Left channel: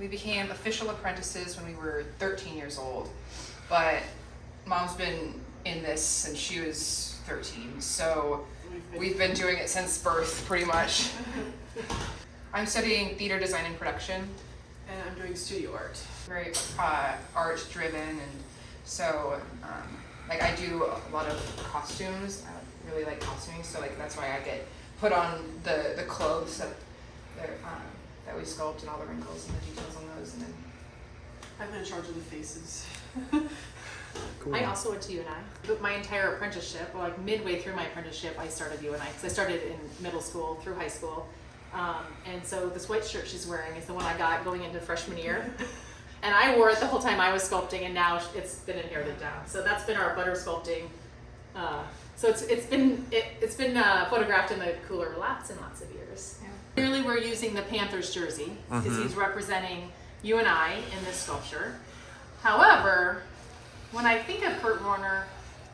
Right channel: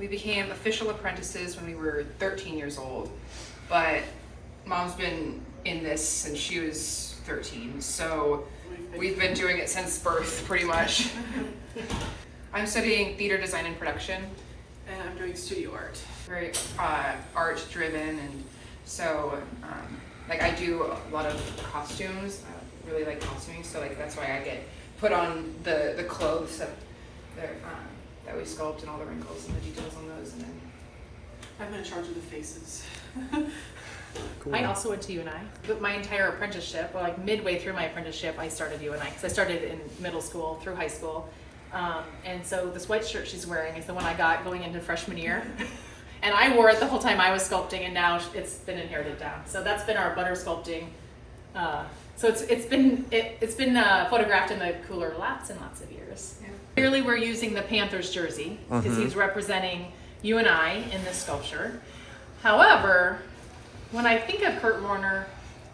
We became official apprentices when we were 13 years old, but Mom's been in this since she was 13, so we've been doing it since birth, pretty much. I'm studying theater design and production. And I'm doing studio art. Very art driven, and so like I do a lot of costumes. I really like costuming, so like that's why I get put on the clothes that we sculpt, and all the wrinkles and the details on those. And then I'm in charge of the faces. Cool. I also went to UNI, but my entire apprenticeship, well, like midway through my apprenticeship, I started UNI because I started in middle school through high school. And so this white shirt she's wearing is the one I got going into freshman year. And I wore it the whole time I was sculpting, and now it's been inherited down. So that's been our butter sculpting. So it's been photographed in the cooler lots and lots of years. Yeah. Clearly we're using the Panther's jersey because he's representing UNI in this sculpture. However, when I think of Kurt Warner,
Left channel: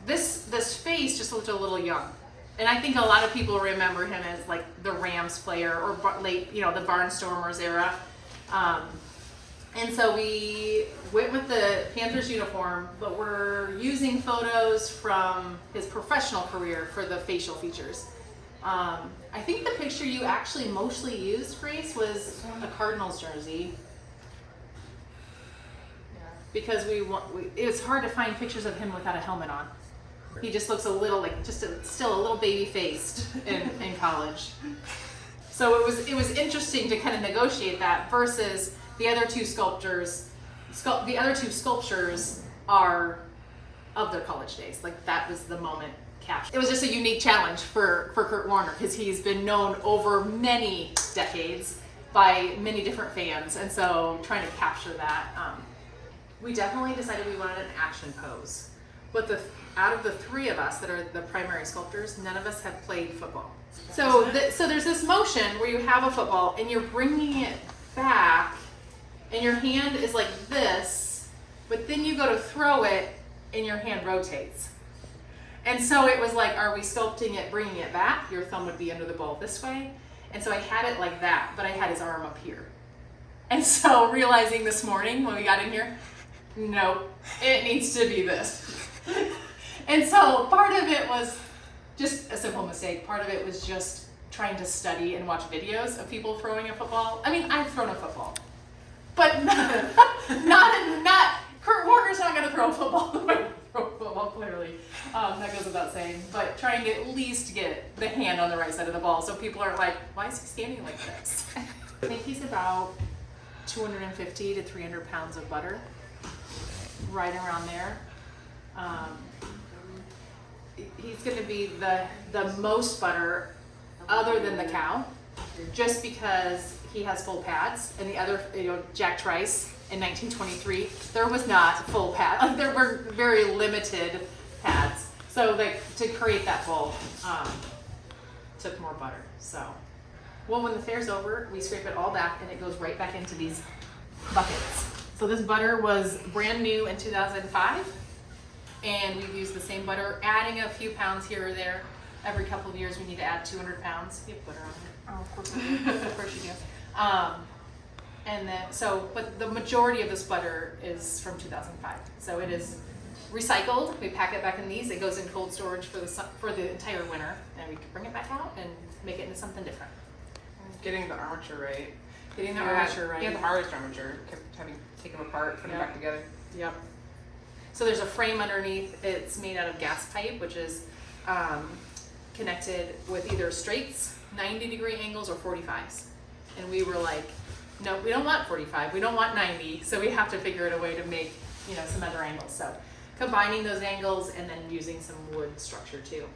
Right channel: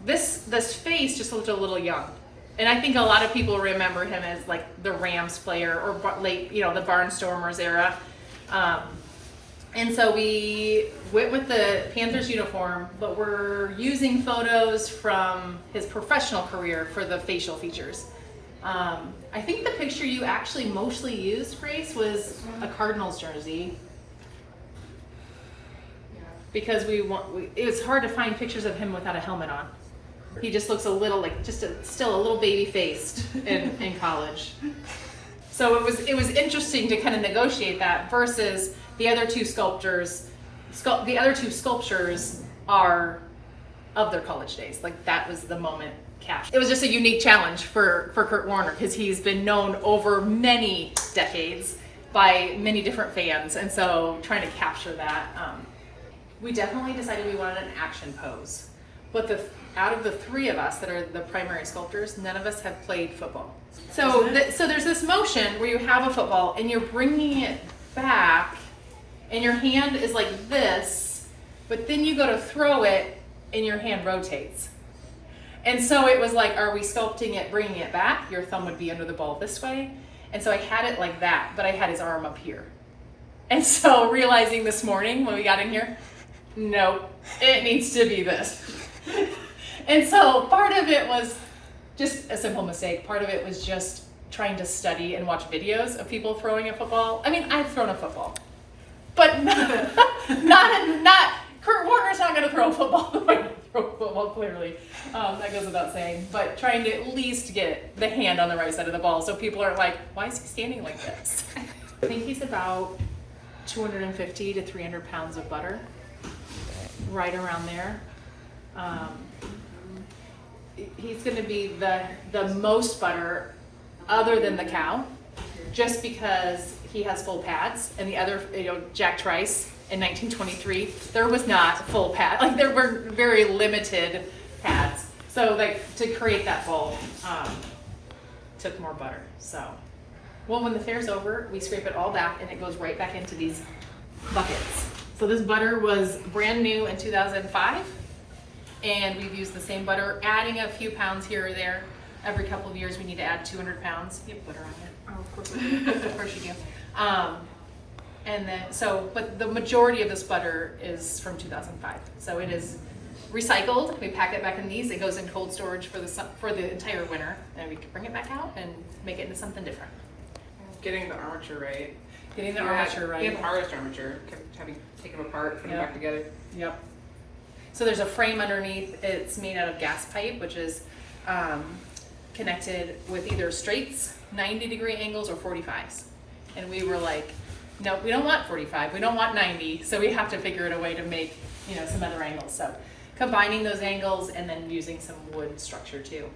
this face just looked a little young. And I think a lot of people remember him as like the Rams player or late, the Barnstormers era. And so we went with the Panthers uniform, but we're using photos from his professional career for the facial features. I think the picture you actually mostly used, Grace, was a Cardinals jersey. Because it was hard to find pictures of him without a helmet on. He just looks a little like still a little baby faced in college. So it was interesting to kind of negotiate that versus the other two sculptures. The other two sculptures are of their college days. Like that was the moment captured. It was just a unique challenge for Kurt Warner because he's been known over many decades by many different fans, and so trying to capture that. We definitely decided we wanted an action pose. But out of the three of us that are the primary sculptors, none of us have played football. So there's this motion where you have a football and you're bringing it back and your hand is like this, but then you go to throw it and your hand rotates. And so it was like, are we sculpting it, bringing it back? Your thumb would be under the ball this way. And so I had it like that, but I had his arm up here. And so realizing this morning when we got in here, no, it needs to be this. And so part of it was just a simple mistake. Part of it was just trying to study and watch videos of people throwing a football. I mean, I've thrown a football, but not Kurt Warner's not going to throw a football. Clearly, that goes without saying. But trying to at least get the hand on the right side of the ball, so people aren't like, why is he standing like this? I think he's about 250 to 300 pounds of butter. Right around there. He's going to be the most butter other than the cow, just because he has full pads, and the other, Jack Trice in 1923, there was not full pad. Like there were very limited pads. So like to create that bowl took more butter. So, well, when the fair's over, we scrape it all back and it goes right back into these buckets. So this butter was brand new in 2005, and we've used the same butter, adding a few pounds here or there. Every couple of years we need to add 200 pounds. You have butter on here. Oh, of course you do. Of course you do. And then, but the majority of this butter is from 2005. So it is recycled. We pack it back in these. It goes in cold storage for the entire winter, and we can bring it back out and make it into something different. Getting the armature right. Getting the armature right. And the hardest armature, having to take them apart, put them back together. Yep. So there's a frame underneath. It's made out of gas pipe, which is connected with either straights, 90-degree angles, or 45s. And we were like, no, we don't want 45. We don't want 90. So we have to figure out a way to make, some other angles. So combining those angles and then using some wood structure too.